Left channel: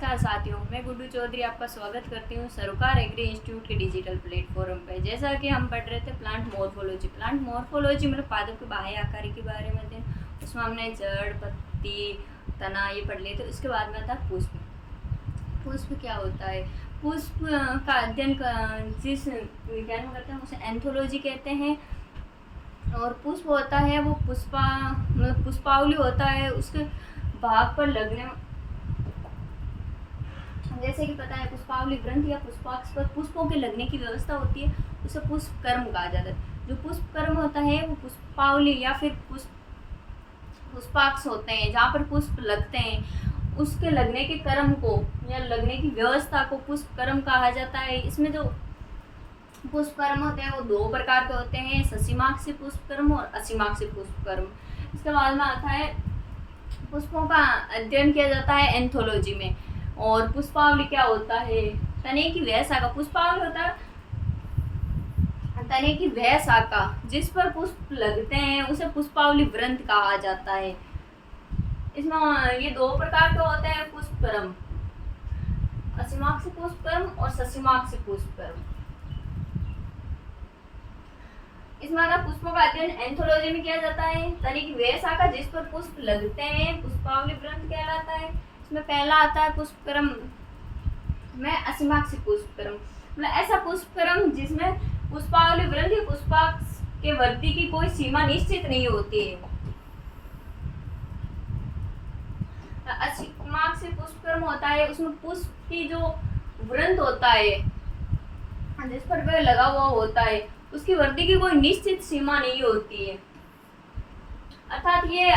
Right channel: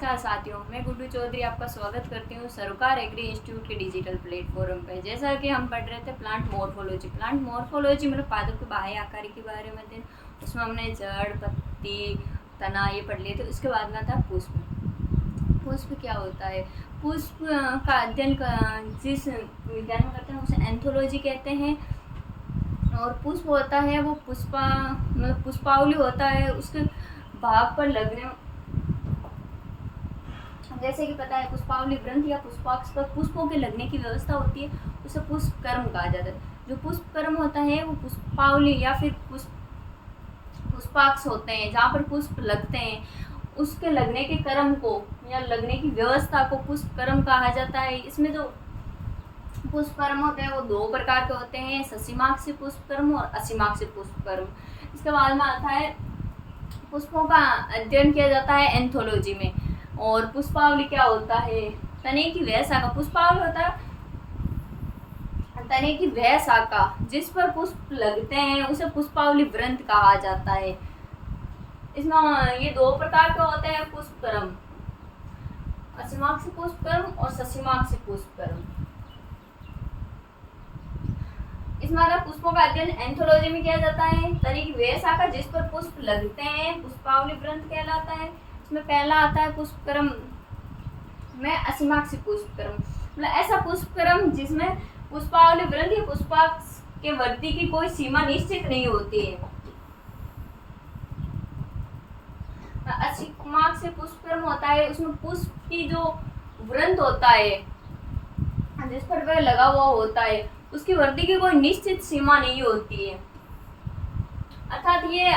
नमस्कार साथियों, मैं गुड्डू चौधरी आपका स्वागत करती हूँ सरोकार एग्री इंस्टीट्यूट के डिजिटल प्लेटफॉर्म पे। जैसा कि हम पढ़ रहे थे प्लांट मॉर्फोलॉजी मतलब पादप के बाह्य आकार के बारे में थे। उसमें हमने जड़, पत्ती, तना ये पढ़ लिए थे। उसके बाद में था पुष्प। पुष्प क्या होता है? पुष्प का अध्ययन जिस विज्ञान में करते हैं उसे एंथोलॉजी कहते हैं। और पुष्प होता है वो मतलब पुष्पावली होता है, उसके भाग पर लगने, जैसे कि पता है पुष्पावली ग्रंथि या पुष्पाक्ष पर पुष्पों के लगने की व्यवस्था होती है, उसे पुष्पक्रम कहा जाता है। जो पुष्पक्रम होता है वो पुष्पावली या फिर पुष्पाक्ष होते हैं, जहाँ पर पुष्प लगते हैं उसके लगने के क्रम को या लगने की व्यवस्था को पुष्पक्रम कहा जाता है। इसमें जो पुष्पक्रम होते हैं वो दो प्रकार के होते हैं, ससीमाक्षी पुष्पक्रम और असीमाक्षी पुष्पक्रम। इसके बाद में आता है पुष्पों का अध्ययन किया जाता है एंथोलॉजी में। और पुष्पावली क्या होता है? तने की वह शाखा, पुष्पावली होता है तने की वह शाखा जिस पर पुष्प लगते हैं उसे पुष्पावली वृंत कहा जाता है। इसमें ये दो प्रकार के होते हैं पुष्पक्रम, असीमाक्षी पुष्पक्रम और ससीमाक्षी पुष्पक्रम। इसमें अगर पुष्पों का अध्ययन एंथोलॉजी में किया जाता है, तने की वह शाखा जिस पर पुष्प लगते हैं पुष्पावली वृंत कहलाता है। इसमें पहला आता है पुष्पक्रम में असीमाक्षी पुष्पक्रम, मतलब ऐसा पुष्पक्रम जिसमें पुष्पावली वृंत या पुष्पाक्ष के वृद्धि की कोई सीमा निश्चित नहीं होती है। असीमाक्षी पुष्पक्रम होता है उसमें पुष्प की जो वृंत होता है जिस पर वह लगा हुआ होता है उसकी वृद्धि की कोई निश्चित सीमा नहीं होती है, अर्थात ये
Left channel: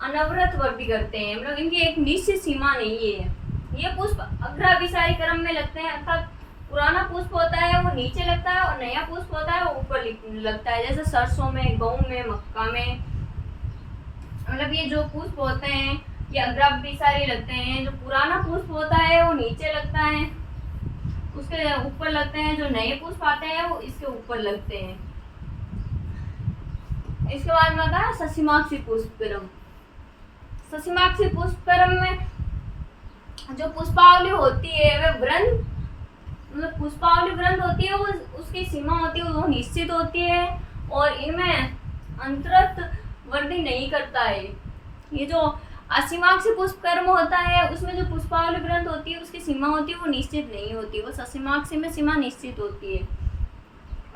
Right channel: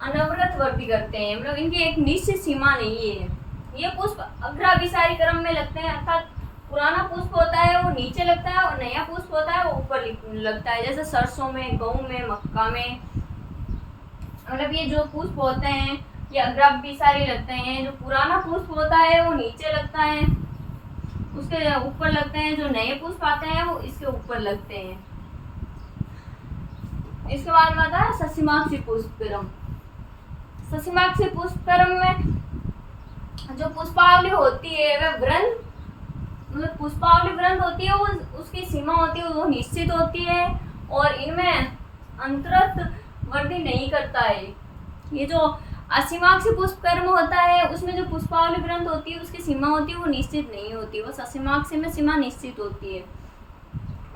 अनवरत वृद्धि करते हैं, मतलब इनकी एक निश्चित सीमा नहीं है। ये पुष्प अग्राभिसारी क्रम में लगते हैं, अर्थात पुराना पुष्प होता है वो नीचे लगता है और नया पुष्प होता है वो ऊपर लगता है, जैसे सरसों में, गेहूं में, मक्का में। मतलब ये जो पुष्प होते हैं ये अग्राभिसारी लगते हैं। जो पुराना पुष्प होता है वो नीचे लगता है, उसके ऊपर लगते हैं। जो नए पुष्प आते हैं वो इसके ऊपर लगते हैं। इसके बाद में आता है ससीमाक्षी पुष्पक्रम। ससीमाक्षी पुष्पक्रम में जो पुष्पावली होती है वह वृंत, मतलब पुष्पावली वृंत होती है, वो उसकी सीमा होती है वो निश्चित होती है और इनमें अंतरत वृद्धि नहीं करता है। ये जो असीमाक्षी पुष्पक्रम होता है उसमें जो पुष्पावली वृंत होती है उसकी सीमा होती है वो निश्चित नहीं होती, वो ससीमाक्षी में सीमा निश्चित होती है।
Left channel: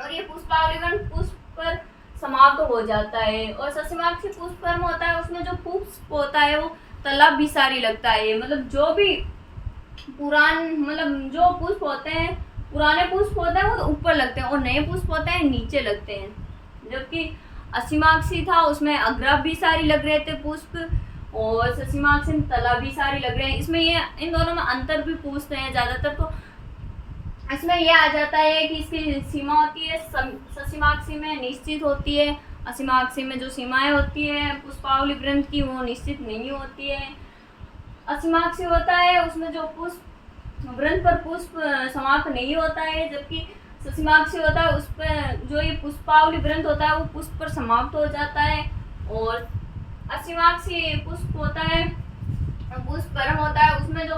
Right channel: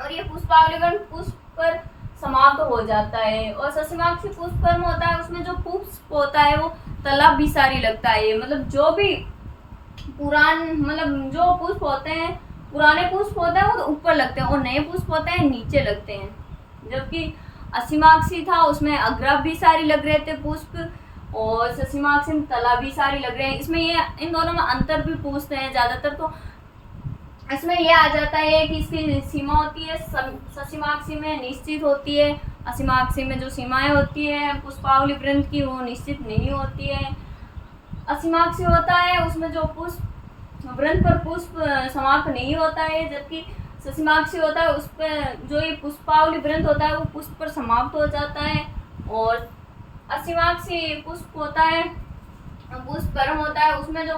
और ये पुष्पावली वृंत पुष्प पर समाप्त हो जाता है। और ससीमाक्षी पुष्पक्रम होता है उसमें जो पुष्प होता है वो तलाभिसारी लगता है, मतलब जो भी मतलब जो पुष्प होते हैं पुराने पुष्प होते हैं वो तो ऊपर लगते हैं और नए पुष्प होते हैं नीचे लगते हैं। जबकि असीमाक्षी था उसमें अग्राभिसारी लग रहे थे पुष्प और ससीमाक्षी में तलाभिसारी लग रहे हैं। इसमें ये इन दोनों में अंतर भी पूछते हैं ज़्यादातर, तो इसमें यह आ जाता है कि इसकी सीमा होती है ससीमाक्षी में निश्चित होती है, असीमाक्षी में जो सीमाएं होती है पुष्पावली वृंत की वो निश्चित नहीं होती है। असीमाक्षी होता है उसमें जो पुष्प वृंत पर पुष्प समाप्त नहीं होता है, जबकि ससीमाक्षी होता है उस पर जो ये पुष्पावली वृंत होता है वो पुष्प पर समाप्त हो जाता है। और असीमाक्षी पुष्प होता है, पुष्पक्रम होता है उसमें जो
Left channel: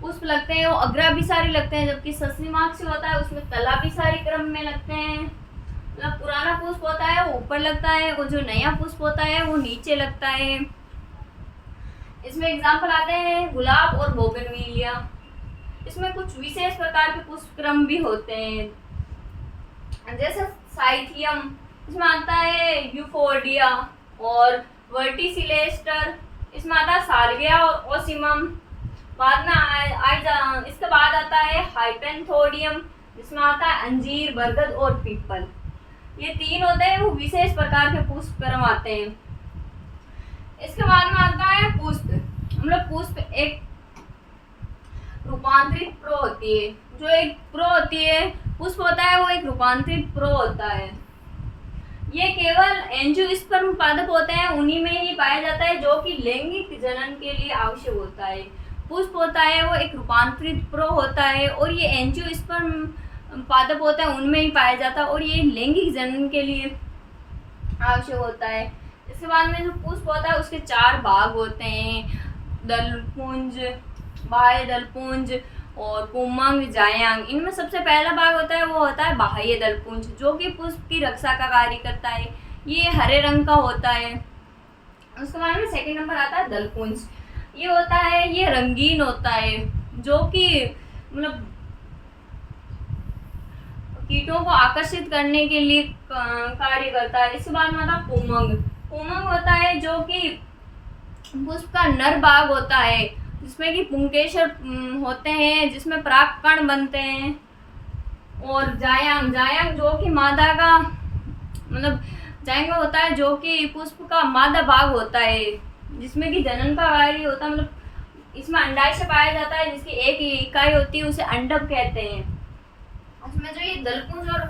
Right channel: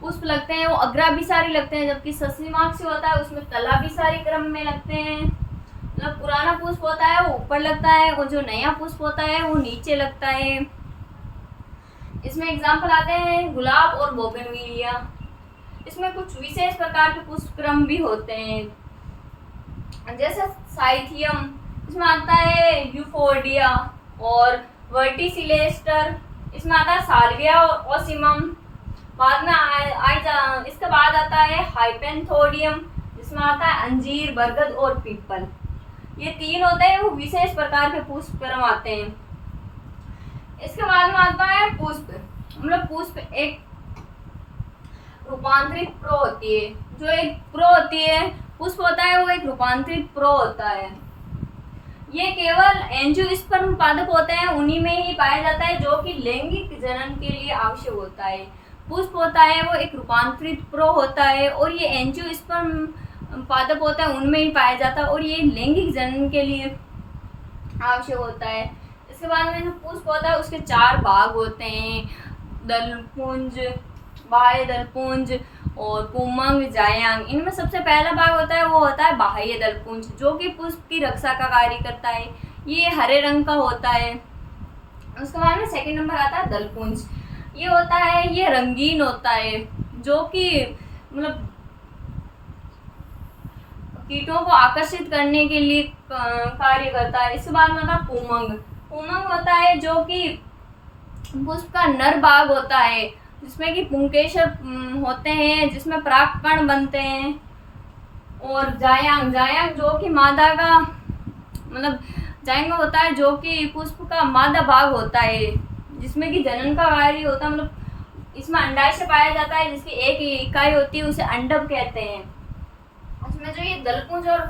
पुष्प लगते हैं वो अग्राभिसारी लगते हैं, जबकि ससीमाक्षी होता है उसमें तलाभिसारी क्रम में लगते हैं। मतलब पुराना पुष्प होता है वो ऊपर लगता है और जो नया पुष्प होता है वो नीचे लगता है। इसमें एग्जाम्पल आते हैं गुलाब और बोगनविलिया। इसमें कुछ विशेष प्रकार के पुष्पक्रम भी होते हैं, जैसे साइथियम, इसमें आता है यूफोर्डिया और वर्टिसिलेस्टर, इसमें आता है साल्विया और ओसिमम। बाद में इसके बाद आता है हाइपेंथोडियम, जिसमें आता है अंजीर, बरगद और पीपल। ये तीन होते हैं वो विशेष प्रकार के पुष्पक्रम आते हैं। इसके बाद में आता है पुष्प, मतलब पुष्प एक रूपांतरित प्रो होती है। जो एक प्रो होती है पुष्प होता है वो एक रूपांतरित प्रो होता है। ये केवल एंजियोस्पर्म पादप होते हैं उन्हीं में ही पाया जाता है जो कि लैंगिक जनन के लिए आवश्यक होता है। पुष्प होता है वो एक रूपांतरित प्रो होता है और ये एंजियोस्पर्म पादप होता है उनमें ही पाया जाता है और ये लैंगिक जनन के लिए आवश्यक होता है। इसके बाद में जो पुष्प होता है उसके चार भाग होते हैं, दलपुंज, बाह्य दलपुंज और पुमंग, जायांग। इनमें सबसे पहला भाग होता है वो होता है बाह्य दलपुंज, जो कि पुष्प की रक्षा का कार्य करता है। ये हरे रंग का होता है। उसके बाद में सेकंड नंबर आता है दलपुंज। ये होता है, ये रंगीन होता है, जो कि मतलब कीटों को आकर्षित करने के लिए कार्य करता है। इसके बाद में आता है पुमंग। पुमंग होता है जो कि पुष्प का नर भाग होता है, जिसमें कि पुंकेसर होते हैं, जिसमें परागकण बनते हैं। और जायांग, जायांग जो कि मादा का मतलब जायांग होता है, जो कि पुष्प का मादा भाग होता है, जिसमें कि जनन का कार्य होता है। मतलब इसमें अंडाशय पाया जाता है, जिसकी एक इकाई होती है, उसे अंडक कहते हैं। इसमें जो ये दलपुंज और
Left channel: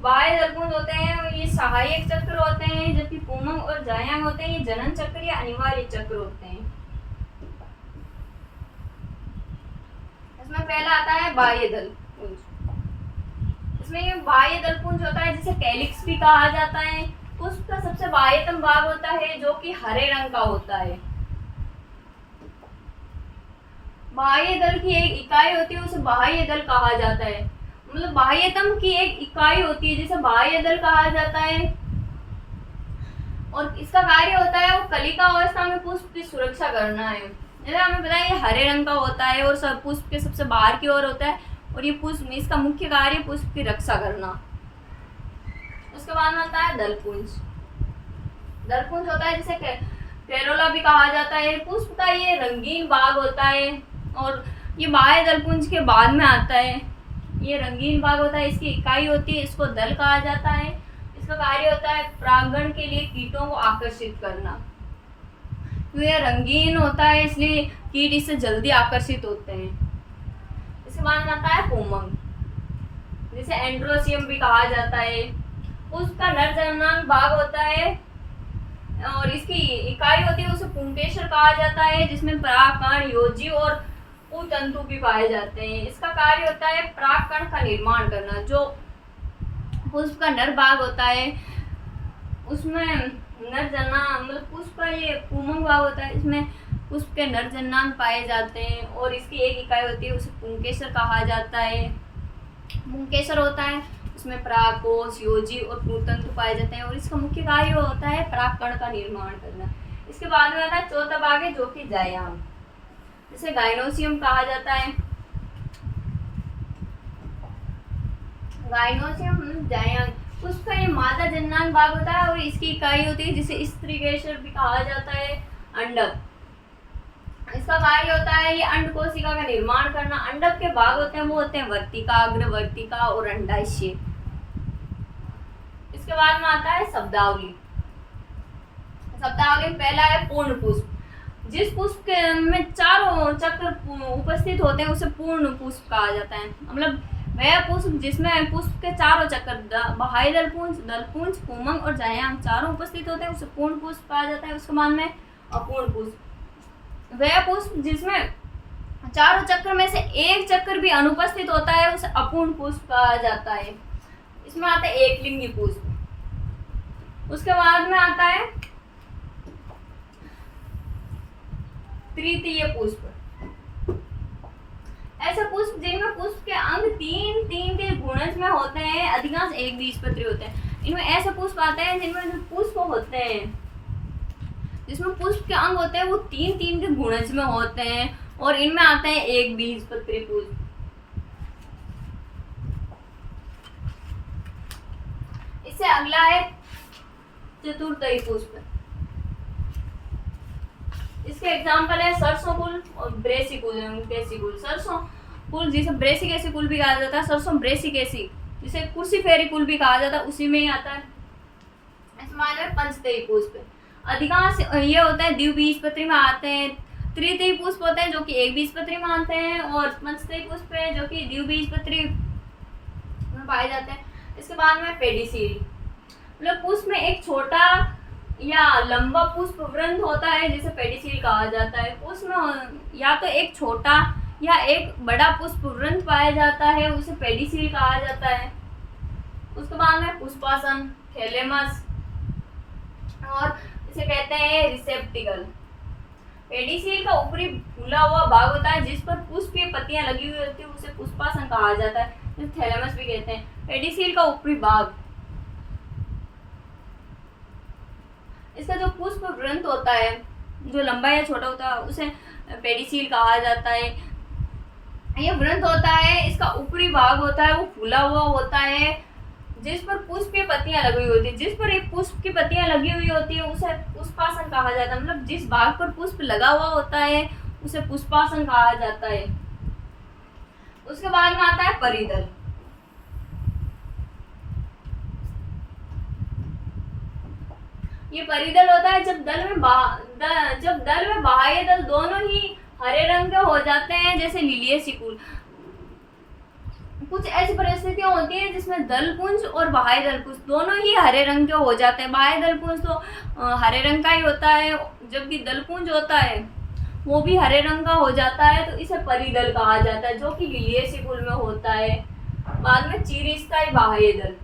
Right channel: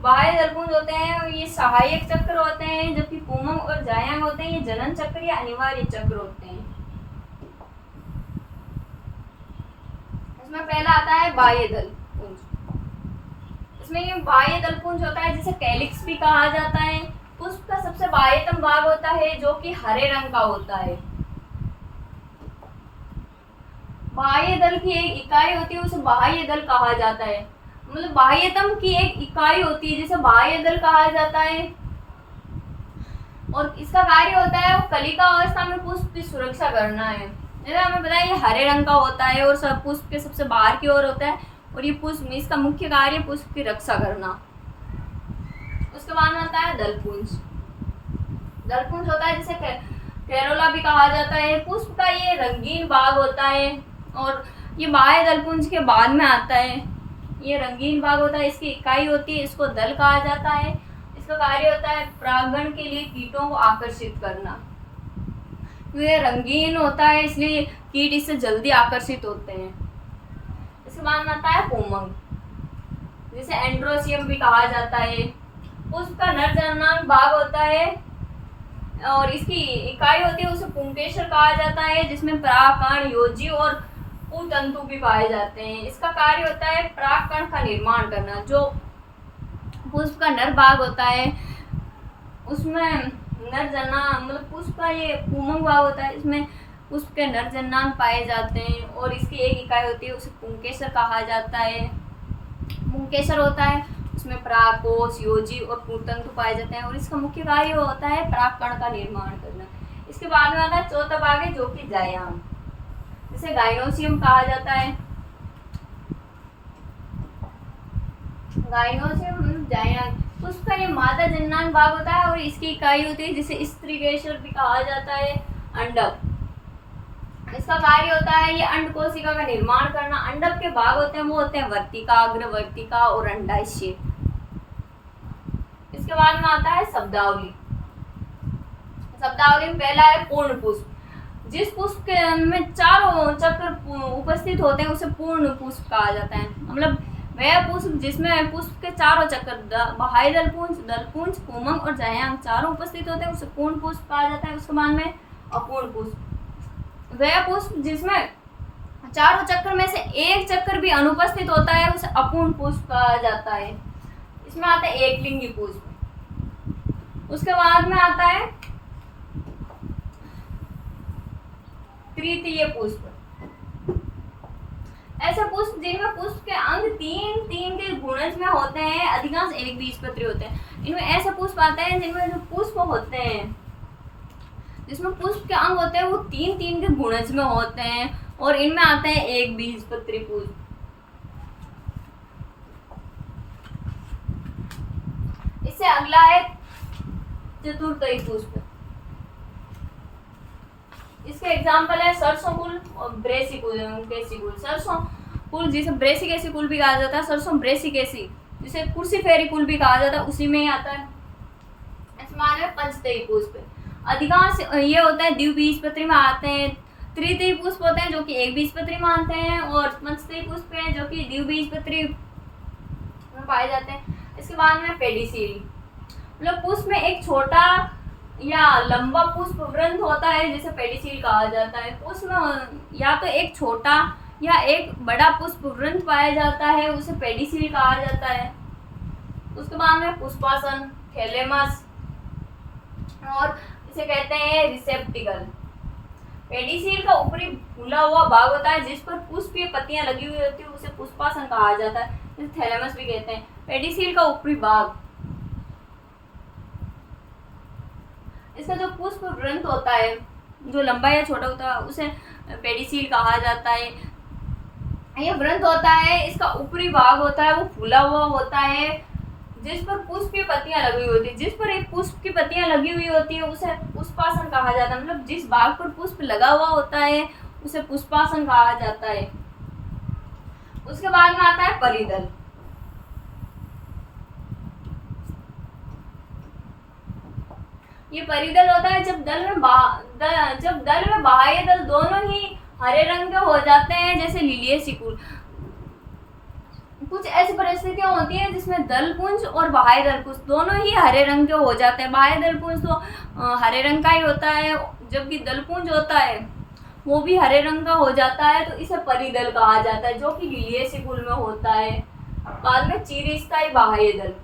बाह्य दलपुंज होते हैं ये सहायक चक्र होते हैं, जबकि पुमंग और जायांग होते हैं ये जनन चक्र या अनिवार्य चक्र होते हैं। इसमें पहला आता है बाह्य दलपुंज। इसमें ये बाह्य दलपुंज होता है जिसे कैलिक्स भी कहा जाता है। पुष्प का सबसे बाह्यतम भाग होता है, जो कि हरे रंग का होता है। बाह्य दल की एक इकाई होती है, उसे बाह्य दल कहा जाता है। मतलब बाह्यतम की एक इकाई होती है जिसे बाह्य दल कहा जाता है। और इसका कार्य होता है वो कलिका अवस्था में पुष्प की सुरक्षा करना है। जैसे हमें पता है ये हरे रंग का होता है और सब पुष्प के सबसे बाहर की ओर होता है, और ये पुष्प, इसका मुख्य कार्य पुष्प की रक्षा करना। उसके बाद में आता है दलपुंज। दलपुंज होता है जिसे कैरोला भी कहा जाता है। पुष्प का ये रंगीन भाग होता है, और ये बाह्य दलपुंज के बाद में आता है। ये रंगीन भाग होता है, इसकी इकाई होती है, इसको दल कहा जाता है। इसका कार्य होता है परागण के लिए कीटों को आकर्षित करना। ये रंगीन होता है, इसलिए कीट इससे जल्दी आकर्षित होते हैं। इसके बाद में आता है पुमंग, जिसे एंड्रोसियम भी कहा जाता है। पुष्प का नर जननांग भाग होता है, और इसकी इकाई होती है, उसे पुंकेसर कहा जाता है, जिसमें परागकण, योजी और तंतु भी पाए जाते हैं। इसका कार्य होता है परागकण का निर्माण करना। जो पुष्प का नर भाग होता है उसमें नर जननांग, मतलब पुष्प का ये पुमंग भाग होता है, इसमें पुष्प के नर जननांग पाए जाते हैं, और इसकी एक इकाई होती है, उसे पुंकेसर कहा जाता है। पुंकेसर होता है, उसमें परागकोश, योजी और तंतु पाए जाते हैं, और इसका मुख्य कार्य होता है परागकण का निर्माण करना। इसके बाद में आता है चौथा भाग है, जो कि जायांग, जिसे गाइनोसियम कहा जाता है। गाइनोसियम जायांग पुष्प का ये मादा जननांग भाग होता है, और इसकी इकाई होती है, जिसे स्त्रीकेसर भी कहा जाता है, अंडक। इसका कार्य होता है ये अंड कोशिका का निर्माण करना। अंडक के भाग होते हैं वो होते हैं वर्तिका, अग्रवर्तिका और अंडाशय। इसके बाद में आता है शब्दावली। शब्दावली में पहला है पूर्ण पुष्प। जिस पुष्प में चारों चक्र उपस्थित होते हैं उसे पूर्ण पुष्प कहा जाता है। मतलब वह पुष्प जिसमें पुष्प के चारों चक्र बाह्य दलपुंज, दलपुंज, पुमंग और जायांग चारों उपस्थित होते हैं उसे पूर्ण पुष्प कहा जाता है। उसके बाद में अपूर्ण पुष्प। वह पुष्प जिसमें चारों चक्र में से एक चक्र भी अनुपस्थित होता है उसे अपूर्ण पुष्प कहा जाता है। इसमें आता है एकलिंगी पुष्प। उसके बाद में आता है तृतीय पुष्प। ऐसे पुष्प जिनमें पुष्प के अंग तीन तीन के गुणज में होते हैं, अधिकांश एक बीजपत्री होते हैं। इनमें ऐसे पुष्प आते हैं जिनमें जो पुष्प होते हैं, जिसमें पुष्प के अंग होते हैं वो तीन तीन के गुणज में होते हैं, और इनमें आते हैं एक बीजपत्री पुष्प। इससे अगला है चतुर्थी पुष्प। इसके एग्जाम्पल है सरसों फूल और ब्रेसिकुल। सरसों फूल जिसे ब्रेसिकेसी कुल भी कहा जाता है, सरसों ब्रेसिकेसी जिसे कुर्सीफेरी कुल भी कहा जाता है, उसी में ही आता है। इसमें है पंचतई पुष्प। अधिकांश ये होता है द्विबीजपत्री में आते हैं। तृतीय पुष्प होते हैं जो कि एक बीजपत्री में आते हैं, और पंचतई पुष्प है जो कि द्विबीजपत्री में पाए जाते हैं। इसके बाद में पेडिसीरी। मतलब पुष्प में एक छोटा या लंबा पुष्प वृंत होता है जिसे पेडिसील कहा जाता है। पुष्प में या तो एक छोटा या एक बड़ा पुष्प वृंत पाया जाता है, उसे पेडिसील कहा जाता है। उसके बाद में पुष्पासन, थैलेमस, और इसे कहते हैं रिसेप्टिकल। पेडिसील का ऊपरी फूला हुआ भाग होता है जिस पर पुष्पीय पत्तियां लगी हुई होती है, उसे पुष्पासन कहा जाता है, जिसे थैलेमस भी कहते हैं। पेडिसील का ऊपरी भाग, इसका जो पुष्प ग्रंथ होता है जो लंबा या छोटा होता है उसे पेडिसील कहा जाता है। यह ग्रंथ होता है, इसका ऊपरी भाग होता है वो फूला हुआ होता है जिस पर पुष्प की पत्तियां लगी हुई होती है। जिस पर एक पुष्प की पत्तियां लगी हुई होती है उसे पुष्पासन कहा जाता है। मतलब जिस भाग पर पुष्प लगा हुआ होता है उसे पुष्पासन कहा जाता है। उसके बाद में आता है परिदल। ये परिदल होता है जब दल में बाह्य दल दोनों ही हरे रंग के हो जाते हैं, जैसे लीलिये सिकुल। कुछ ऐसी परिस्थितियां होती हैं जिसमें दलपुंज और बाह्य दलपुंज दोनों ही हरे रंग के हो जाते हैं। बाह्य दलपुंज तो हरे रंग का ही होता है, जबकि दलपुंज होता है वो भी हरे रंग का हो जाता है, तो इसे परिदल कहा जाता है, जो कि लीलिये सिकुल में होता है। बाद में चिरस्थायी बाह्य दल,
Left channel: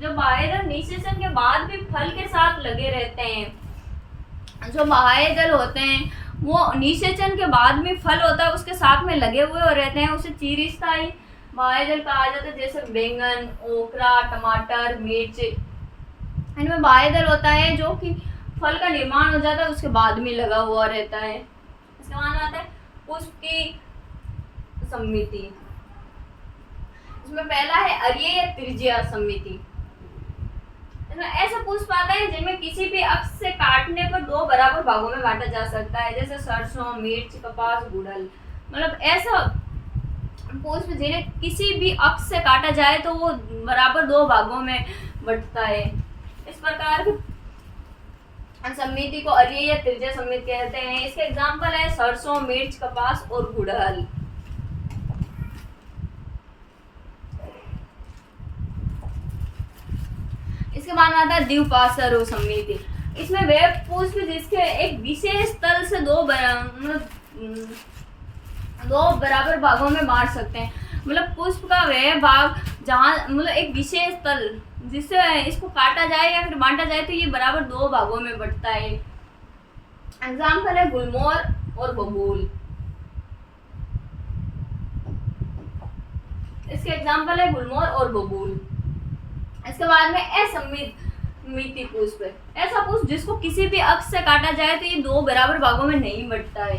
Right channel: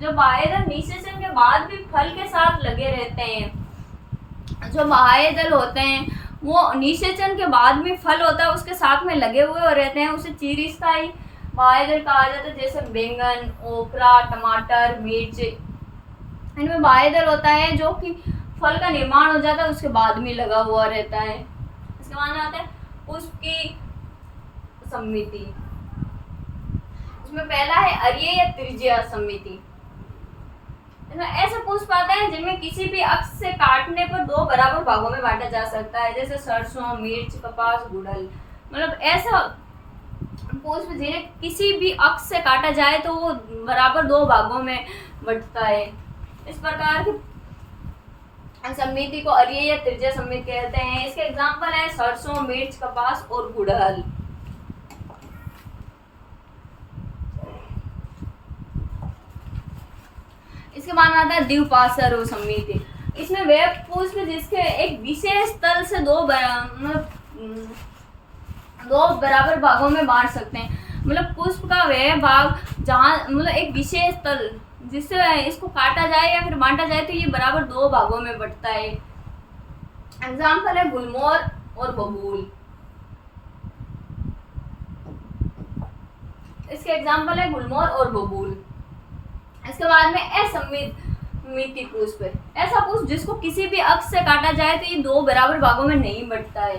जो बाह्य दल निषेचन के बाद भी फल के साथ लगे रहते हैं। जो बाह्य दल होते हैं वो निषेचन के बाद भी फल होता है उसके साथ में लगे हुए रहते हैं, उसे चिरस्थायी बाह्य दल कहा जाता है। जैसे बैंगन, ओकरा, टमाटर, मिर्च, इनमें बाह्य दल होता है जो कि फल का निर्माण हो जाता है उसके बाद में लगा हुआ रहता है। इसके बाद आता है पुष्प की समिति। इसमें पहला है अरीय या त्रिज्या समिति। इसमें ऐसे पुष्प आता है जिनमें किसी भी अक्ष से काटने पर दो बराबर भागों में बांटा जा सकता है, जैसे सरसों, मिर्च, कपास, गुड़हल। मतलब ऐसा पुष्प जिन्हें किसी भी अक्ष से काटा जाए तो वो बराबर दो भागों में बंटता है। इस प्रकार की समिति को अरीय या त्रिज्या समिति कहते हैं। इसके एग्जाम्पल है सरसों, मिर्च, कपास और गुड़हल। इसके बाद आता है द्विपार्श्व समिति। इसमें वे पुष्प जिसके एक विशेष तल से दो बराबर भागों में बांट सकते हैं। मतलब पुष्प का वह भाग जहाँ मतलब एक विशेष तल जिससे इसको काटा जाए या फिर बांटा जाए तो ये बराबर दो भागों में बंटता है। एग्जाम्पल है गुलमोहर और बबूल। इसके एग्जाम्पल है गुलमोहर और बबूल। इसके बाद में असमिति पुष्प, ऐसा पुष्प जिसको किसी भी अक्ष से काटा जाए तो ये दो बराबर भागों में नहीं बंटता है।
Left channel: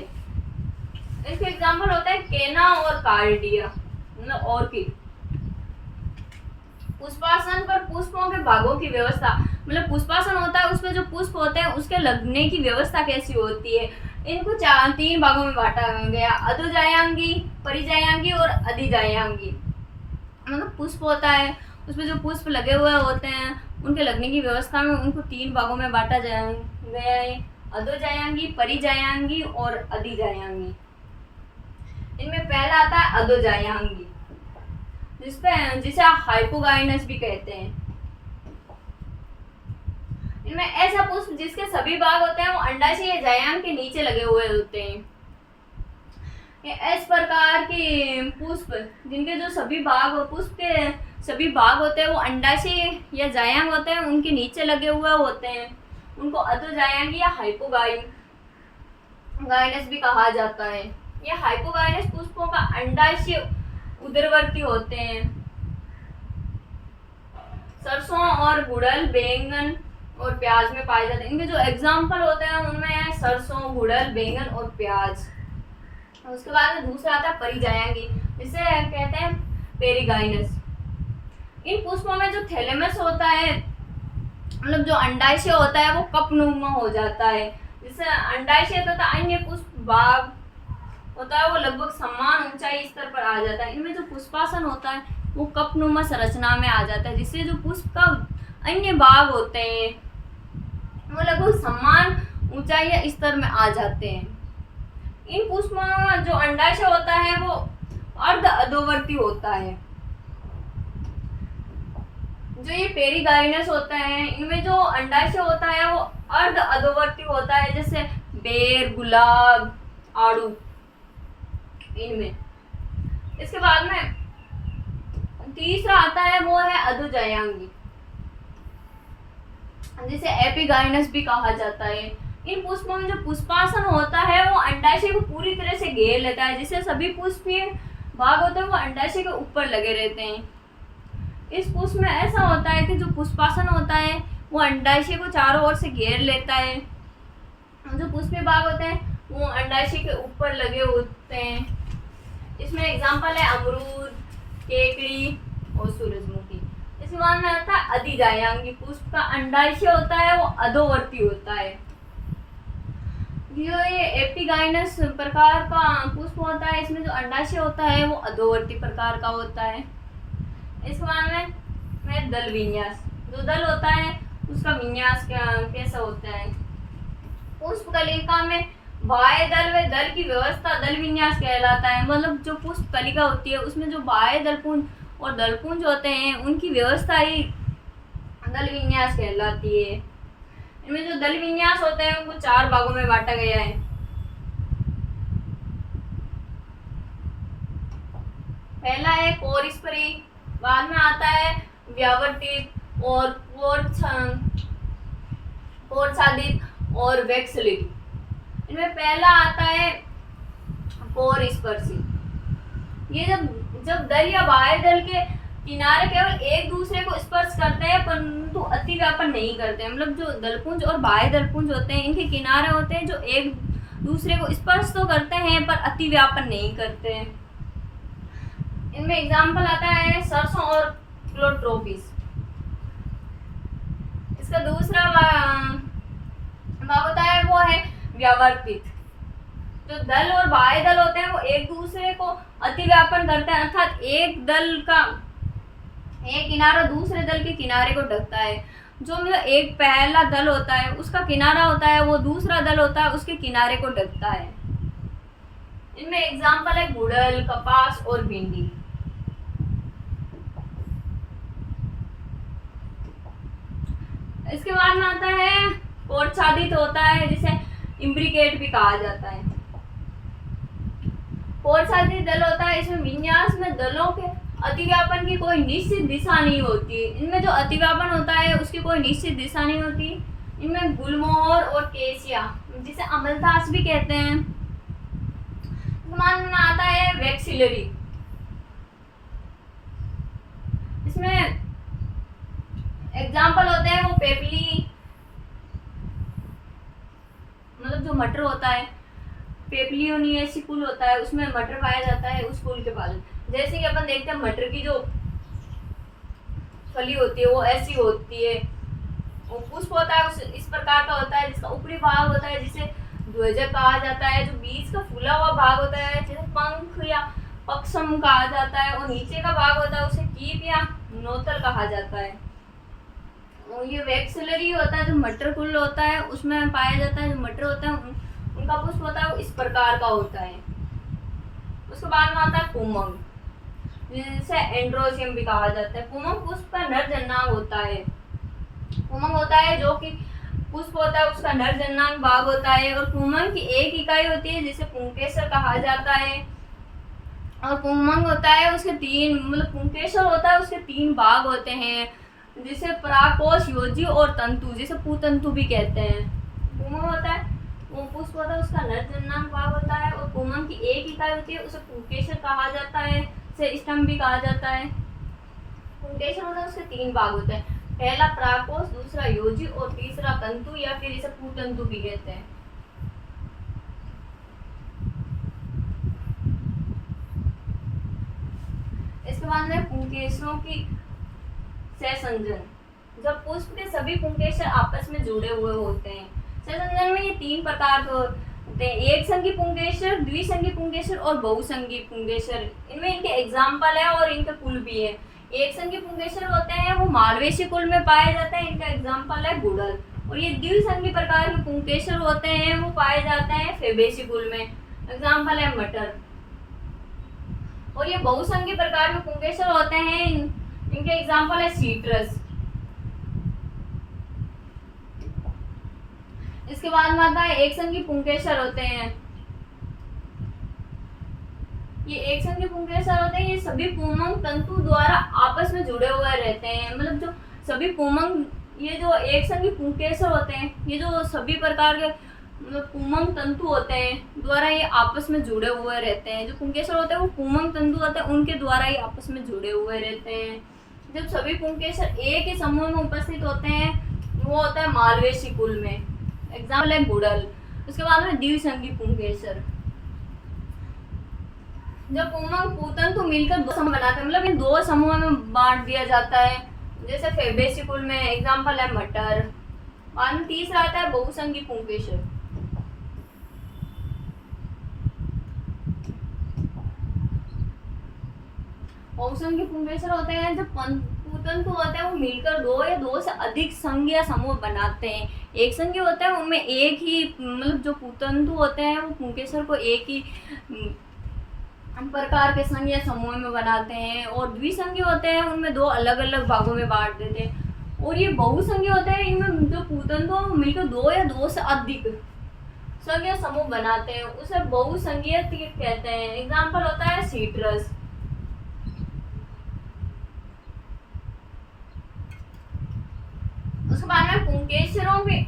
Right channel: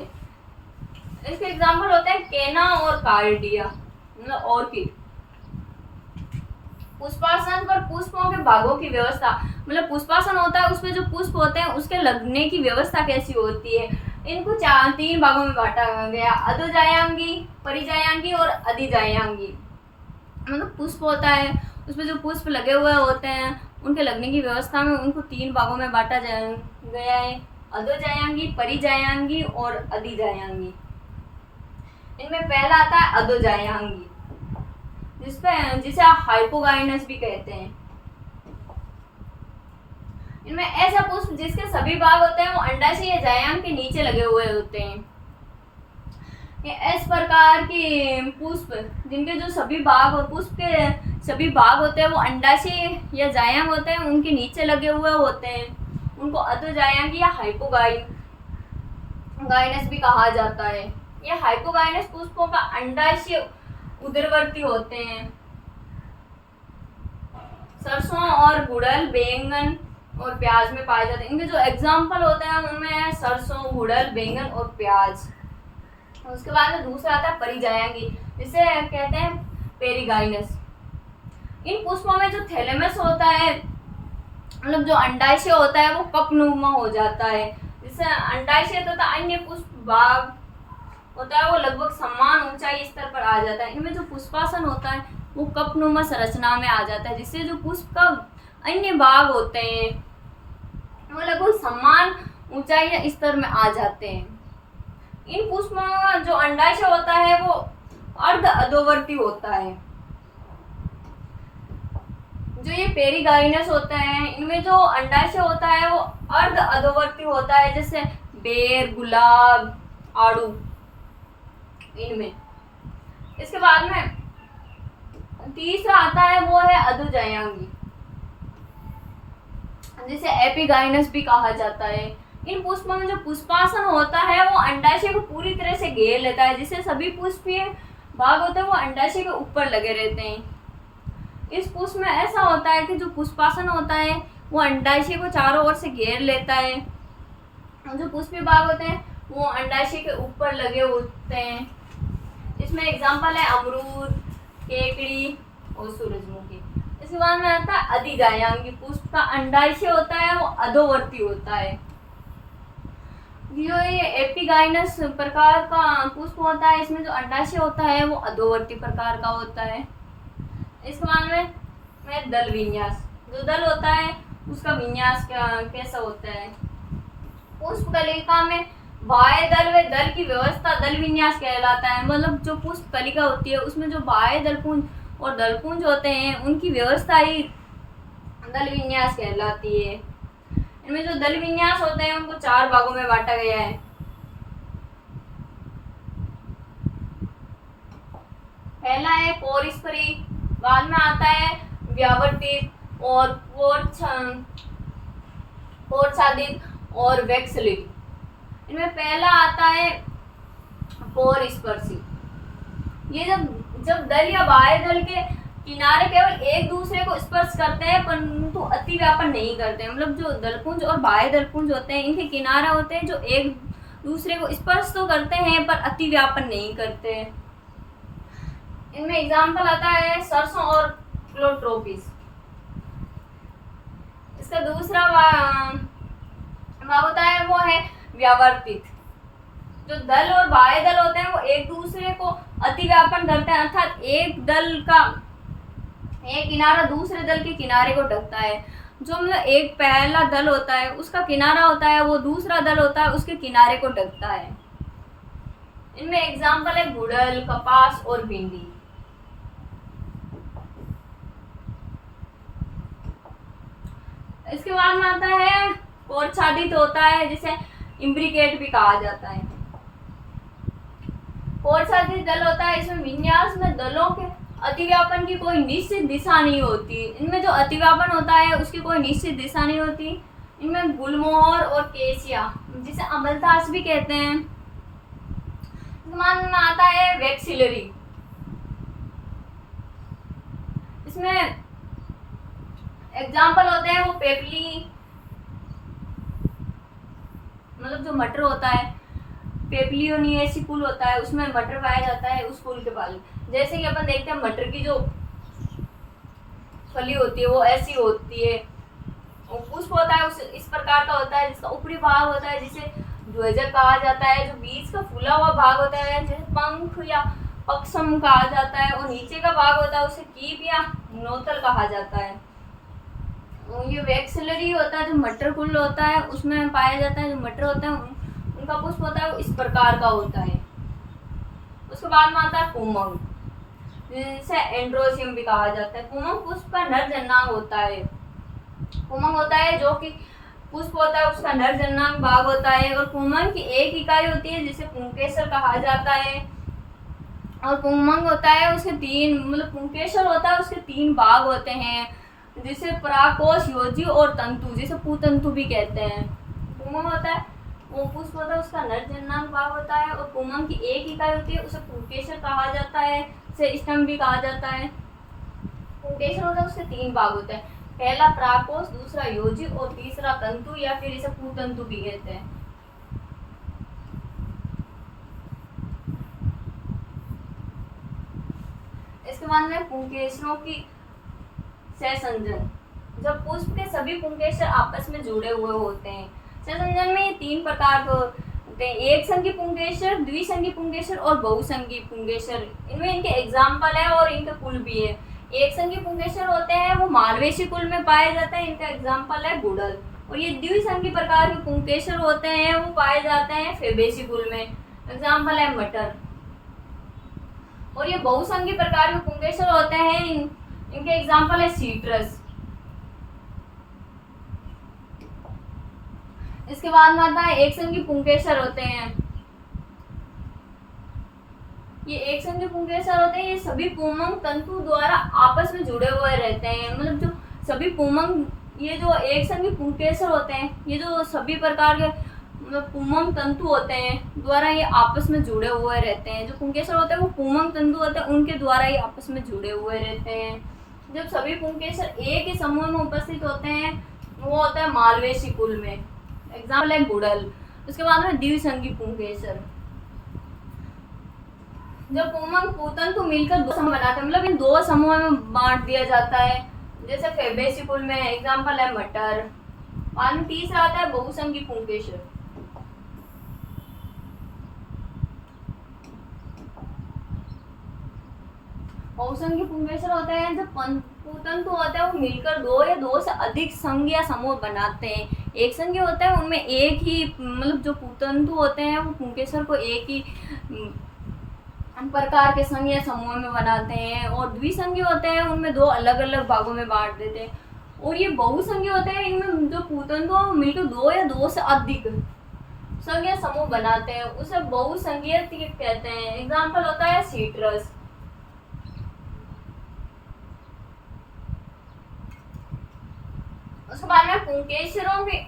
इसके एग्जाम्पल होता है केना और कार्डिया, मतलब ऑर्किड। पुष्पासन पर पुष्पों के भागों की व्यवस्था, मतलब पुष्पासन होता है उसमें जो पुष्प होते हैं उसके लगने की व्यवस्था कैसी होती है। इनको तीन भागों में बांटा गया, अधोजायांगी, परिजायांगी और अधिजायांगी। मतलब पुष्प होता है उसमें जो पुष्प लगे हुए होते हैं उनके लगने की व्यवस्था में उनको तीन भागों में बांटा गया है, अधोजायांगी, परिजायांगी और अधिजायांगी। इनमें पहला आता है अधोजायांगी, जिसे हाइपोगाइनस भी कहते हैं। इनमें ऐसा पुष्प जिसके सभी भाग होते हैं वो अंडाशय या जायांग के नीचे लगे हुए होते हैं। इस प्रकार की पुष्प जिनके जो सभी भाग पुष्प के सभी भाग होते हैं वो अंडाशय या जायांग होते हैं, उनके नीचे लगे हुए होते हैं, उनको अधोजायांगी या हाइपोगाइनस भी कहा जाता है। यह हाइपोगाइनस पुष्पों का अंडाशय उदरवर्ती होते हैं। सरसों और गुड़हल, बैंगन और प्याज में पाए जाते हैं। इनके जो एग्जाम्पल होते हैं उनमें है सरसों, गुड़हल, बैंगन और प्याज। उसके बाद में दूसरा आता है परिजायांगी, जिसे कहते हैं पेरिगाइनस। इन पुष्पों में जो थैलेमस होता है, मतलब जो अंडाशय होता है वो कपनुमा हो जाता है, जिससे अंडाशय तथा अन्य पुष्प भाग होता है वो लगभग समान ऊंचाई स्तर पर आ जाता है। इनमें जो पुष्पासन होता है वो कपनुमा संरचना में आ जाता है, जिससे जो पुष्प का अन्य भाग होते हैं वो लगभग समान ऊंचाई या स्तर में आ जाते हैं। इन पुष्पों में जो अंडाशय होता है वो अर्ध अधोवर्ती होता है। जो ये पेरिगाइनस होता है इनमें जो अंडाशय होता है वो अर्ध अधोवर्ती होता है, जैसे बेर, गुलाब, आड़ू इनमें। इसके बाद में तीसरा आता है वो है अधोजायांगी, जिसे एपिगाइनस भी कहा जाता है। इन पुष्पों में जो पुष्पासन होता है वो अंडाशय को पूरी तरह से घेर लेता है, जिससे सभी पुष्पीय भाग होते हैं वो अंडाशय के ऊपर लगे रहते हैं। इस पुष्प में ऐसा होता है कि जो पुष्पासन होता है वो अंडाशय को चारों ओर से घेर लेता है। जो पुष्पीय भाग होते हैं वो अंडाशय के ऊपर लगे होते हैं। इसमें एग्जाम्पल है अमरूद, केकड़ी और सूरजमुखी। इसके बाद में आता है अधिजायांगी पुष्प का अंडाशय होता है वो अधोवर्ती होता है। जो ये एपिगाइनस प्रकार का पुष्प होता है इसमें जो अंडाशय होता है वो अधोवर्ती प्रकार का होता है। इसके बाद में दल विन्यास, जो दल होता है उसका विन्यास कैसा होता है। पुष्प कलिका में बाह्य दल व दल की व्यवस्था दल विन्यास कहलाता है। मतलब जो पुष्प कलिका होती है उसमें जो बाह्य दलपुंज और दलपुंज होते हैं उनकी व्यवस्था ही दल विन्यास कहलाती है। इनमें जो दल विन्यास होते हैं उनको 4 भागों में बांटा गया है। पहला है पोरिस्परी, बाद में आता है व्यावर्तित और पोरछादित और वैक्सलिक। इनमें पहला आता है पोरस्पर्शी। ये जब दल या बाह्य दल के किनारे केवल एक दूसरे को स्पर्श करते हैं परंतु अति व्यापन नहीं करते। मतलब जो दलपुंज और बाह्य दलपुंज होते हैं इनके किनारे होते हैं जो एक दूसरे को स्पर्श तो करते हैं पर अति व्यापन नहीं करते। इनमें एग्जाम्पल आता है सरसों और क्लोट्रोपिस। इसका दूसरा भाग होता है वो है व्यावर्तित। जो दल और बाह्य दल होते हैं वो एक दूसरे को अति व्यापन करते हैं, अर्थात एक दल का एक किनारा दूसरे दल के किनारे को ढकता है। जो मतलब एक पहला दल होता है उसका किनारा होता है वो दूसरा दल होता है उसके किनारे को ढकता है। इनमें एग्जाम्पल है गुड़हल, कपास और भिंडी। इसके बाद में आता है पोरछादित होता है जिसे इम्ब्रिकेट भी कहा जाता है। पोरछादित दल होता है इसमें विन्यास में दलों के अतिव्यापन की कोई निश्चित दिशा नहीं होती। इनमें जो अतिव्यापन होता है उसकी कोई निश्चित दिशा नहीं होती। इनमें गुलमोहर और केसिया जिसे अमलतास भी कहते हैं। समान में आता है वैक्सिलरी। इसमें एग्जाम्पल होते हैं वो पेपली, मतलब जो मटर होता है पेपलियोनियसी कुल होता है उसमें मटर पाया जाता है उस कुल के पाल। जैसे कि अपन देखते हैं मटर की जो फली होती है वो ऐसी होती है। वो पुष्प होता है उस इस प्रकार का होता है जिसका ऊपरी भाग होता है जिसे ध्वजक कहा जाता है। जो बीच का फूला हुआ भाग होता है जिसे पंख या पक्षम कहा जाता है और नीचे का भाग होता है उसे कीप या नोतल कहा जाता है। ये वैक्सिलरी होता है जो मटर कुल होता है उसमें पाया जाता है। जो मटर होते हैं उनका पुष्प होता है वो इस प्रकार का होता है। उसके बाद में आता है कुमंग जिसे एंड्रोसियम भी कहा जाता है। कुमंग पुष्प का नर जननांग होता है। कुमंग होता है जो कि पुष्प होता है उसका नर जननांग भाग होता है और कुमंग की एक इकाई होती है जिसे पुंकेसर कहा जाता है। और कुमंग होता है उसके 3 मतलब पुंकेसर होता है उसके 3 भाग होते हैं जिसे पराकोश, योजी और तंतु जिसे पुतंतु भी कहते हैं। कुमंग होता है वो पुष्प होता है उसका नर जननांग भाग होता है और कुमंग की एक इकाई होती है उसे पुंकेसर कहा जाता है, उसे स्तंभ भी कहा जाता है। पुंकेसर होता है उसके 3 भाग होते हैं, पहला पराकोश, दूसरा योजी और तीसरा तंतु या फिर इसे पुतंतु भी कहते हैं। इसके बाद में पुंकेसरों की सहसंजन। जब पुष्प के सभी पुंकेसर आपस में जुड़े हुए होते हैं। सहसंजन में ये 3 प्रकार के होते हैं, एक संघी पुंकेसर, द्विसंघी पुंकेसर और बहुसंघी पुंकेसर। इनमें इनके एग्जाम्पल है और इनके कुल भी है। एक संघी पुंकेसर होते हैं वो मालवेसी कुल में पाए जाते हैं, इनका एग्जाम्पल है गुड़हल। और ये द्विसंघी प्रकार के पुंकेसर होते हैं वो पाए जाते हैं फेबेसी कुल में, एग्जाम्पल है मटर। और ये बहुसंघी प्रकार के पुंकेसर होते हैं इनके एग्जाम्पल है सीट्रस। इसके बाद में आता है एक संघी पुंकेसर होते हैं। ये एक संघी पुंकेसर होते हैं ये सभी पुमंग तंतु द्वारा आपस में जुड़े हुए रहते हैं। मतलब जो सभी पुमंग ये जो एक संघी पुंकेसर होते हैं ये जो सभी प्रकार के मतलब पुंमंग तंतु होते हैं द्वारा ये आपस में जुड़े हुए रहते हैं। जो पुंकेसर होते हैं वो पुंमंग तंतु होते हैं, उनके द्वारा ही आपस में जुड़े हुए रहते हैं। जब सभी पुंकेसर एक ही समूह में उपस्थित होते हैं वो होता है मालवेसी कुल में। एग्जाम्पल है गुड़ल। उसके बाद में द्विसंगी पुंकेसर। जब पुंमंग पुतंतु मिलकर दो समूह बनाते हैं, मतलब इन दो समूह में बांट दिया जाता है, जैसे फेबेसी कुल में। एग्जाम्पल है मटर। बाद में तीसरा आता है बहुसंगी पुंकेसर। बहुसंगी पुंकेसर होते हैं जब पुतंतु होते हैं वो मिलकर दो या दो से अधिक संघ या समूह बनाते हैं। एक संघी होता है उनमें एक ही, मतलब जो पुतंतु होते हैं वो पुंकेसर को एक ही प्रकार के संघ या समूह में बनाते हैं। और द्विसंगी होते हैं उनमें दो अलग अलग भागों में बांट देते हैं। और ये बहुसंगी होते हैं इनमें जो पुतंतु है वो मिलकर दो या दो से अधिक संघ या समूह बनाते हैं, उसे बहुसंगीय कहते हैं। एग्जाम्पल होता है सीट्रस। उसके बाद में पुंकेसरों के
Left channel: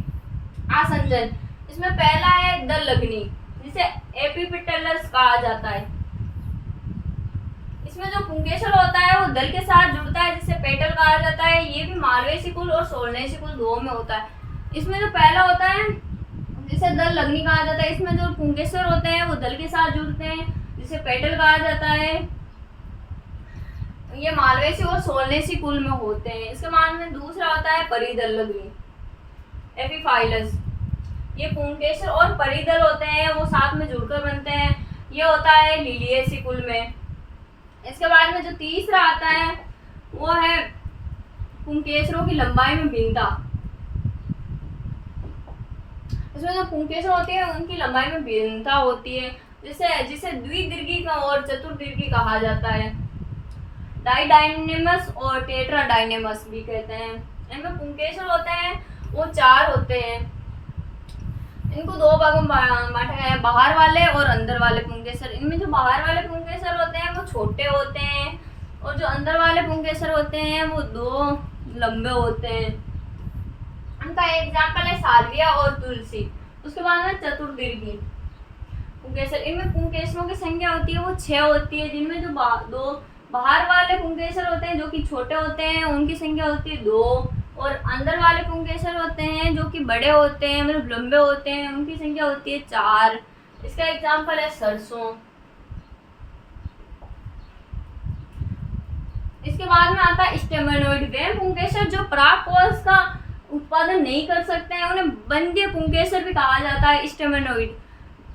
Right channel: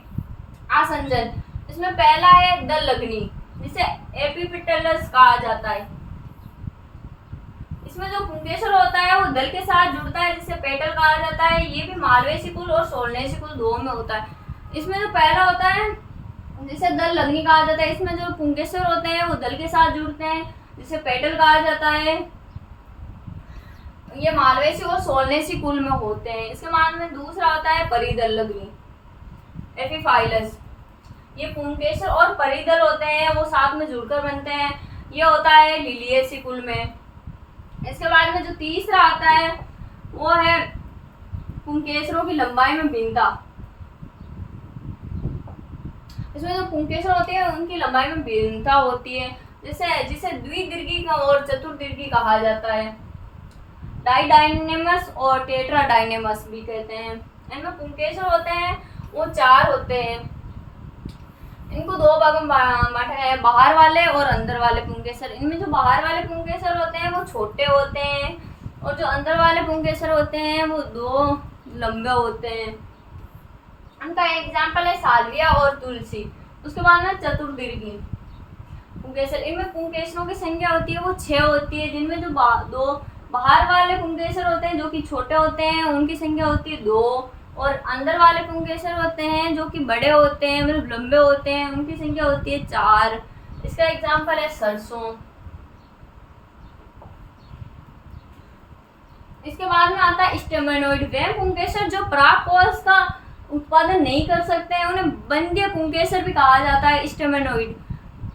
आसंजन। इसमें पहला है दल लग्नी, जिसे एपिपेटलस कहा जाता है। इसमें जो पुंकेसर होता है वो दल के साथ जुड़ता है जिसे पेटल कहा जाता है। ये भी मालवेसी कुल और सोलनेसी कुल दो में होता है। इसमें जो पहला होता है जिसे दल लग्नी कहा जाता है, इसमें जो पुंकेसर होते हैं वो दल के साथ जुड़ते हैं जिसे पेटल कहा जाता है। ये मालवेसी और सोलनेसी कुल में होते हैं। इसके बाद में दूसरा होता है परिदल लग्नी, एपिफाइलस। ये पुंकेसर और परिदल होते हैं वो साथ में जुड़कर बनते हैं। ये होता है लिलिएसी कुल में। इसके बाद में जो तीसरा आता है वो है पुंकेसरों की लंबाई में भिन्नता। इसमें जो पुंकेसर होते हैं उनकी लंबाई में भिन्नता होती है, जिसे द्विदीर्घी और चतुर्दीर्घी कहा जाता है। डाइडाइनेमस और टेट्राडाइनेमस भी कहते हैं। इनमें पुंकेसर होते हैं वो 4 होते हैं। इनको दो भागों में बांटा है, बाहर वाले और अंदर वाले पुंकेसर। इनमें जो बाहर वाले पुंकेसर होते हैं वो छोटे होते हैं और जो अंदर वाले पुंकेसर होते हैं वो 2 लंबे होते हैं। उनका एग्जाम्पल है साल्विया और तुलसी। उसके बाद में चतुर्दीर्घी पुंकेसर। इनमें पुंकेसरों की संख्या होती है वो 6 होती है, जिनमें जो 2 बाहर वाले पुंकेसर होते हैं जो कि छोटे होते हैं उनकी संख्या होती है 2, और अंदर वाले पुंकेसर होते हैं जो कि बड़े होते हैं, मतलब लंबे होते हैं, उनकी संख्या होती है 4। इसका एग्जाम्पल है सरसों। इसके बाद में आता है स्टेमेनोइड। वे पुंकेसर जो परागकोश का उत्पादन नहीं कर सकते हैं उन्हें बंध्य पुंकेसर भी कहा जाता है। स्टेमेनोइड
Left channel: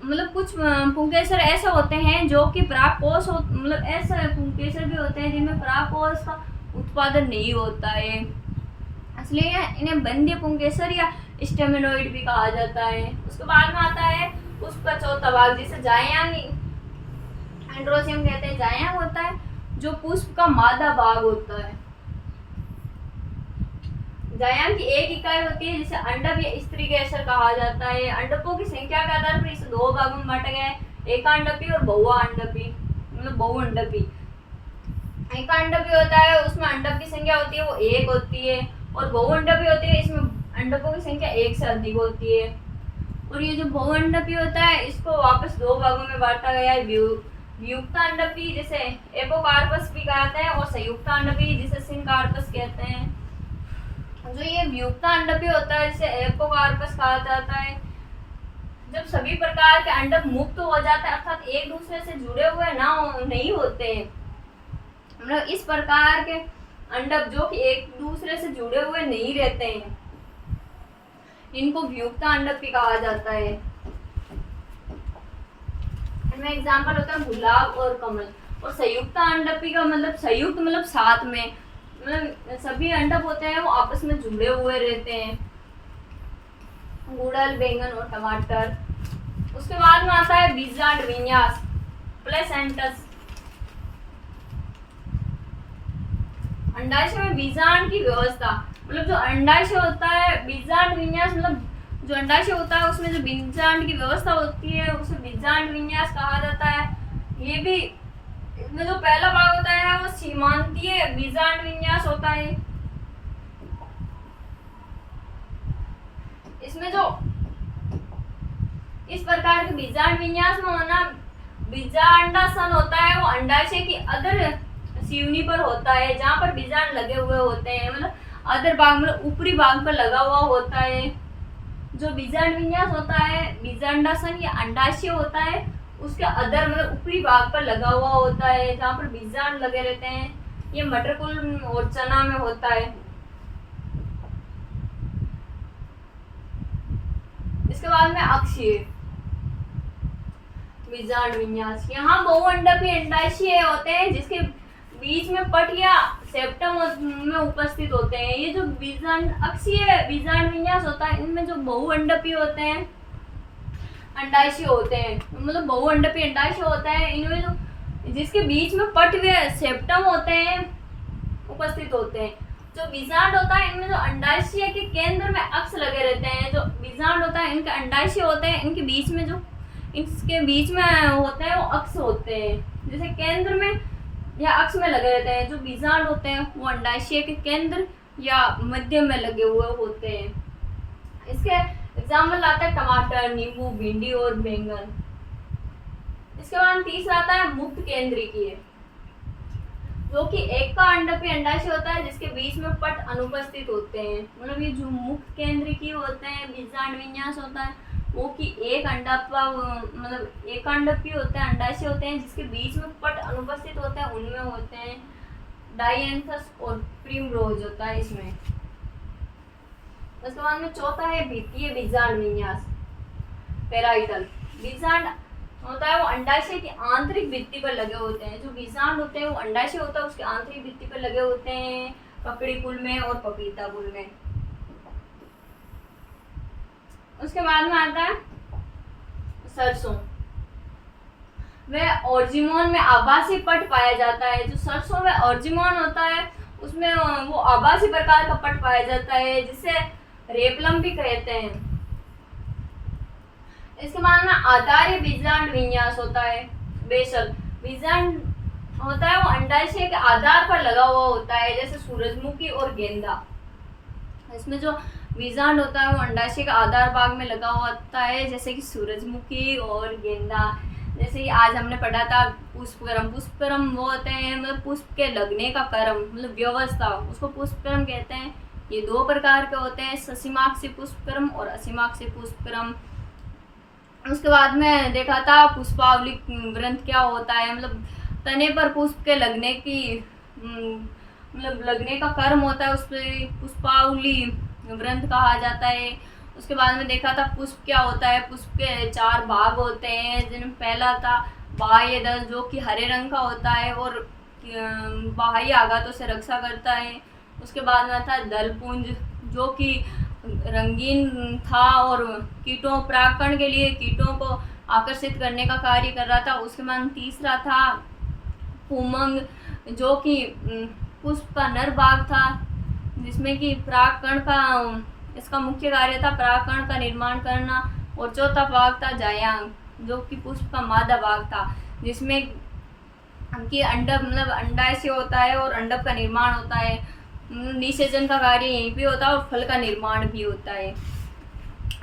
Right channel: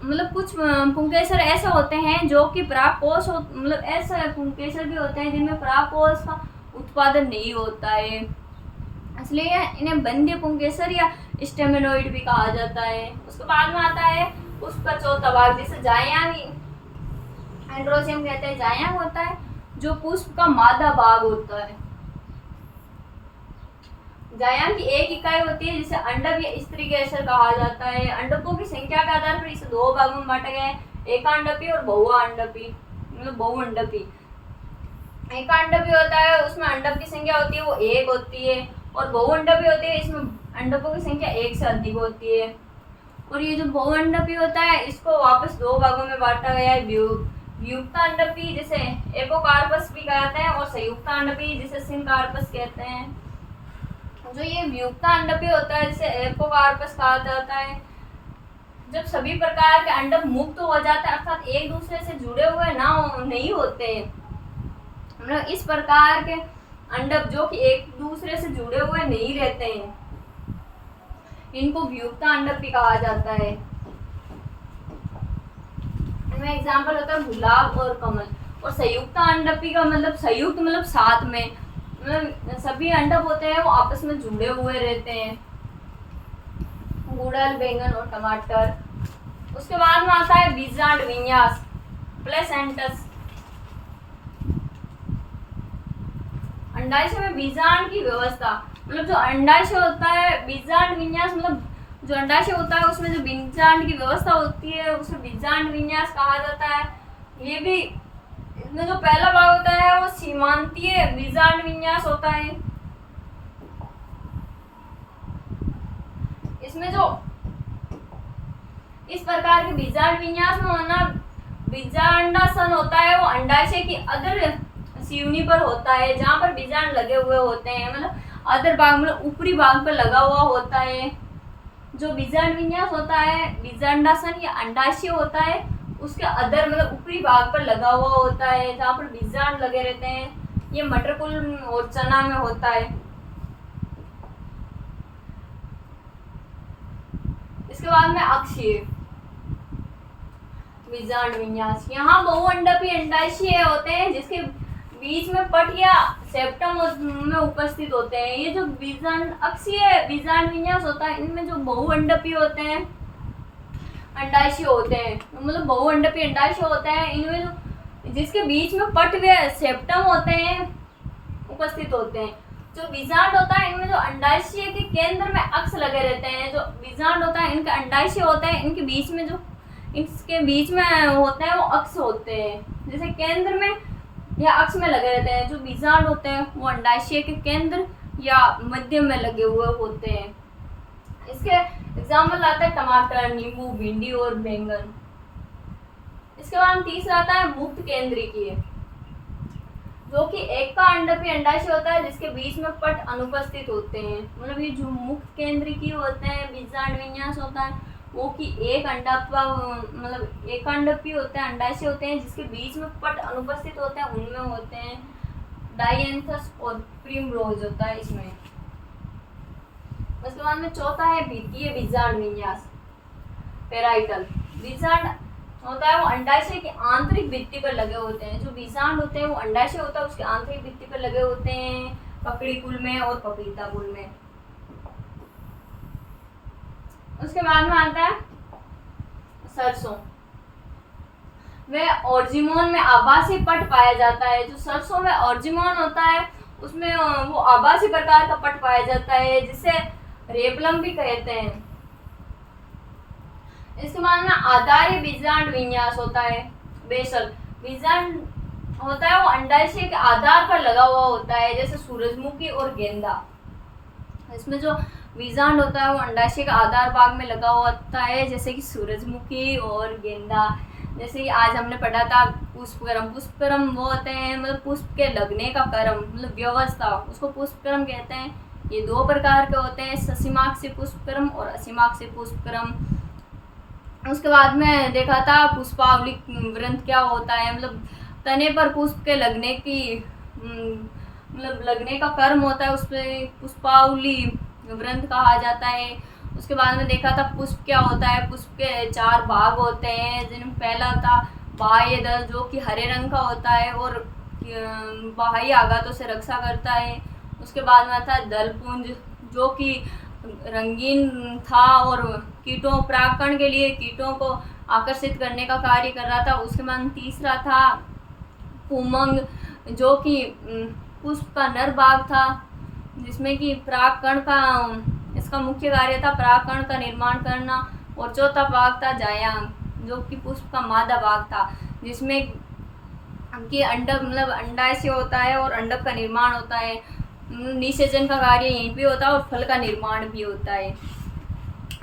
मतलब कुछ पुंकेसर ऐसे होते हैं जो कि परागकोश मतलब ऐसे पुंकेसर भी होते हैं जिनमें परागकोश का उत्पादन नहीं होता है, इसलिए इन्हें बंध्य पुंकेसर या स्टेमेनोइड भी कहा जाता है। उसके बाद में आता है पुष्प का चौथा भाग, जिसे जायांग एंड्रोसियम कहते हैं। जायांग होता है जो पुष्प का मादा भाग होता है। जायांग की एक इकाई होती है जिसे अंडक या स्त्री केसर कहा जाता है। अंडकों की संख्या के आधार पर इसे 2 भागों में बांटा गया है, एकांडपी और बहुअंडपी, मतलब बहुअंडपी। एकांडपी होता है उसमें अंडक की संख्या होती है वो 1 होती है, और बहुअंडपी होती है इसमें अंडकों की संख्या 1 से अधिक होती है। और ये जो बहुअंडपी होता है इसको वापस 2 भागों में बांटा गया है, व्युक्तांडपी जिसे एपोकार्पस भी कहते हैं और संयुक्तांडपी जिसे सिनकार्पस कहते हैं। जो ये व्युक्तांडपी होता है जिसे एपोकार्पस कहा जाता है, जब सभी प्रकार के अंडक मुक्त हो जाते हैं अर्थात एक दूसरे से जुड़े हुए नहीं होते, मतलब इस प्रकार के अंडक जो कि एक दूसरे से जुड़े हुए नहीं रहते हैं, इनको व्युक्तांडक भी कहा जाता है। इनमें एग्जाम्पल होता है गुलाब और कमल। और संयुक्तांडपी का मतलब संयुक्त मतलब साथ में, मतलब सभी अंडक होते हैं वो आपस में जुड़े हुए रहते हैं, गुड़हल, बैंगन और टमाटर। उसके बाद में आता है बीजांड विन्यास, प्लेसेंटस। अंडाशय में बीजांड की व्यवस्था, मतलब जो अंडाशय होता है, बीजांड विन्यास मतलब जो अंडाशय होता है उसमें जो बीजांड की व्यवस्था होती है उसे बीजांड विन्यास कहा जाता है। ये भी इसमें जो पहला भाग होता है वो सीमांतीय बीजांड विन्यास होता है। इसमें जो इस प्रकार के बीजांड विन्यास में होना बीजांडासन होता है वो अंडाशय की अधर सीवनी पर होता है, जहाँ पर बीजांड लगे हुए होते हैं, मतलब अधर भाग मतलब ऊपरी भाग पर लगा हुआ होता है। जो बीजांड विन्यास होता है बीजांडासन या अंडाशय होता है उसके अधर मतलब ऊपरी भाग पर लगा हुआ होता है, जहाँ पर बीजांड लगे रहते हैं। ये मटरकुल और चना में होता है। इसके बाद में अक्षीय बीजांड विन्यास, यहाँ बहुअंडपी अंडाशय होते हैं जिसके बीच में पट या सेप्टम में उपस्थित होते हैं। ये जो बीजांड अक्षीय बीजांड विन्यास होता है इनमें जो बहुअंडपी होते हैं अंडाशय होते हैं, मतलब बहुअंडपी अंडाशय होता है, इनमें जो जिसके बीच में पट व सेप्टम होते हैं उपस्थित होते हैं। जो बीजांड होता है इनमें जो अंडाशय के केंद्र में अक्ष लगे रहते हैं, जो बीजांड होता है इनके अंडाशय होते हैं इनके बीच में जो इसके बीच में होते हैं वो अक्ष होते हैं, जैसे केंद्र में या अक्ष में लगे रहते हैं। जो बीजांड होते हैं वो अंडाशय के केंद्र या मध्य में लगे हुए होते हैं। इसके एग्जाम्पल आता है टमाटर, नींबू, भिंडी और बैंगन। इसके बाद तीसरा आता है मुक्त केंद्रीय, जो कि एक का अंडपी अंडाशय होता है जिसके बीच में पट अनुपस्थित होते हैं। मतलब ये जो मुक्त केंद्रीय होते हैं बीजांड विन्यास होता है वो कि एक अंडात्वा मतलब एक अंडपी होते हैं अंडाशय होते हैं जिसके बीच में पट अनुपस्थित होते हैं, उनमें होते हैं डायंथस और प्रिमरोज होता है इसमें। उसके बाद में चौथा है भित्तीय बीजांड विन्यास पेराइटल। बीजांड होता है वो अंडाशय की आंतरिक भित्ति पर लगे होते हैं। जो बीजांड होते हैं वो अंडाशय होता है उसके आंतरिक भित्ति पर लगे होते हैं ककड़ी कुल में और पपीता कुल में। उसके बाद में आता है सरसों, वह ऑर्जिमोन में आभासी पट पाया जाता है। जो सरसों में ऑर्जिमोन होता है उसमें वो आभासी प्रकार का पट पाया जाता है जिसे रेपलम भी कहते हैं। इसके बाद में आधार्य बीजांड विन्यास होता है बेसल। बीजांड होता है वो अंडाशय के आधार पर लगा हुआ होता है, जैसे सूरजमुखी और गेंदा। इसमें जो बीजांड होता है वो अंडाशय का आधार भाग में लगा हुआ होता है, जैसे कि सूरजमुखी और गेंदा। जैसे कि आज हमने पढ़ा था पुष्पक्रम। पुष्पक्रम वो होते हैं मतलब पुष्प के लगने का क्रम मतलब व्यवस्था, उसको पुष्पक्रम कहते हैं। ये दो प्रकार के होते हैं, ससीमाक्षी पुष्पक्रम और असीमाक्षी पुष्पक्रम। उसके बाद में देखा था पुष्पावली ग्रंथ क्या होता है, मतलब तने पर पुष्प के लगने की मतलब लगने का क्रम होता है, उस पर पुष्पावली ग्रंथ कहा जाता है। उसके बाद में देखा था पुष्प क्या होता है। पुष्प के 4 भाग होते हैं, जिनमें पहला था बाह्य दल जो कि हरे रंग का होता है और बाह्य आघातों से रक्षा करता है। उसके बाद में था दलपुंज जो कि रंगीन था और कीटों परागकण के लिए कीटों को आकर्षित करने का कार्य कर रहा था। उसके बाद तीसरा था पुमंग जो कि पुष्प का नर भाग था, जिसमें कि परागकण का इसका मुख्य कार्य था परागकण का निर्माण करना। और चौथा भाग था जायांग जो कि पुष्प का मादा भाग था, जिसमें कि अंडक मतलब अंडाशय होता है और अंडक का निर्माण होता है। निषेचन का कार्य यहीं पे होता है और फल का निर्माण भी होता है।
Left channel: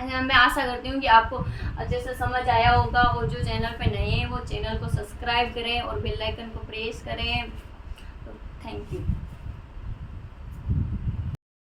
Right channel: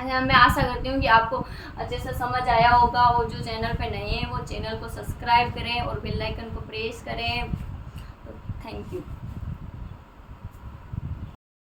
मैं आशा करती हूँ कि आपको अच्छे से समझ आया होगा। और जो चैनल पे नए हैं वो चैनल को सब्सक्राइब करें और बेल आइकन को प्रेस करें। तो थैंक यू।